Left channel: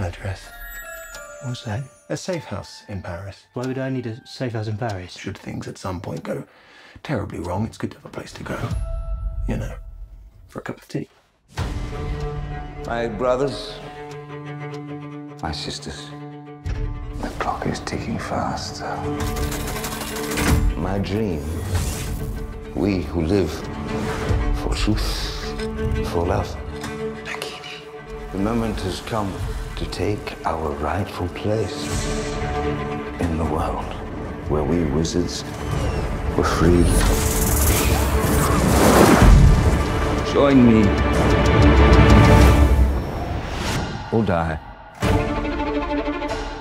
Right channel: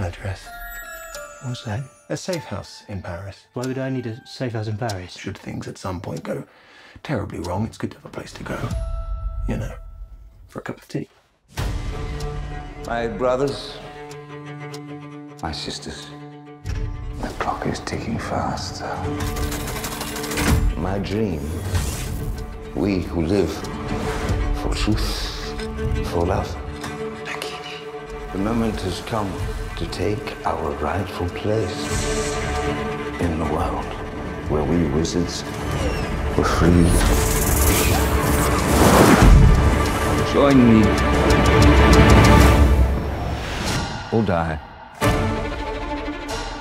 address. What's that? A safe house in Paris. Why would I need a safe house in Paris? Should things at some point go terribly wrong, it's good to have a place to go. You know, for a cup of tea. My brothers, my sisters, the clock is ticking fast. My dream, we who live for truth, for love. The moment has come to take our rightful place in the world where we wizards were free. Join me or die.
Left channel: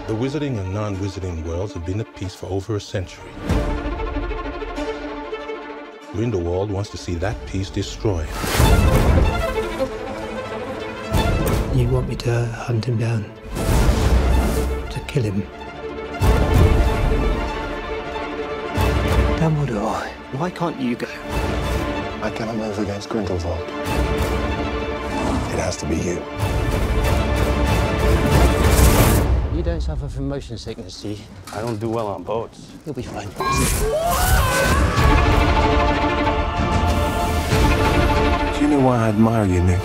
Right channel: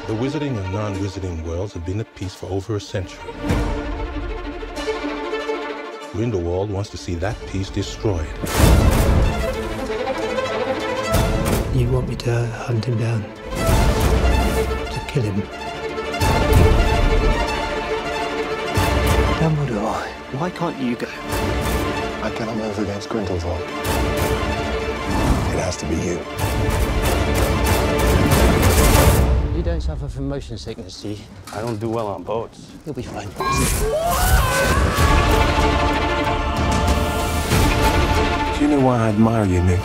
The wizarding and non-wizarding worlds have been at peace for over a century. Grindelwald wants to see that peace destroyed. You want me to hunt him down? To kill him? Dumbledore, why can't you go? I cannot move against Grindelwald. It has to be you. You don't suffer from motion sickness, do you? I don't do well on boats. You'll be fine. Do you know why I admire you, Newt?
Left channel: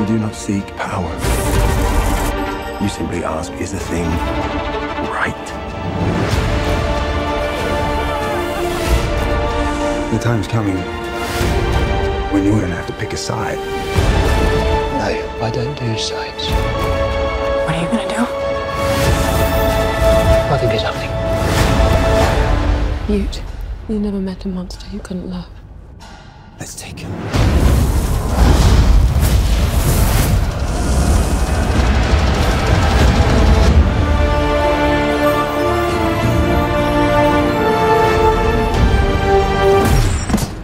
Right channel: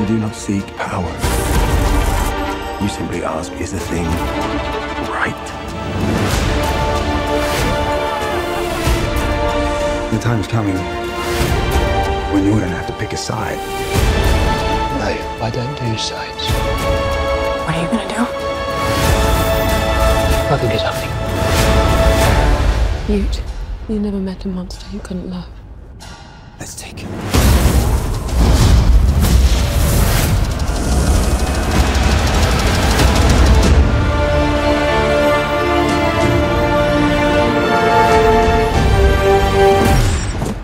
You do not seek power. You simply ask, is the thing right? The time's coming when you're gonna have to pick a side. No, I don't do sides. What are you gonna do? I think it's something. Jude, you never met a monster you couldn't love. Let's take him.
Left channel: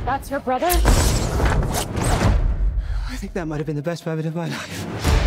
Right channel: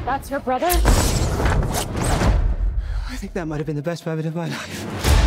That's your brother? I think that might have been the best moment of my life.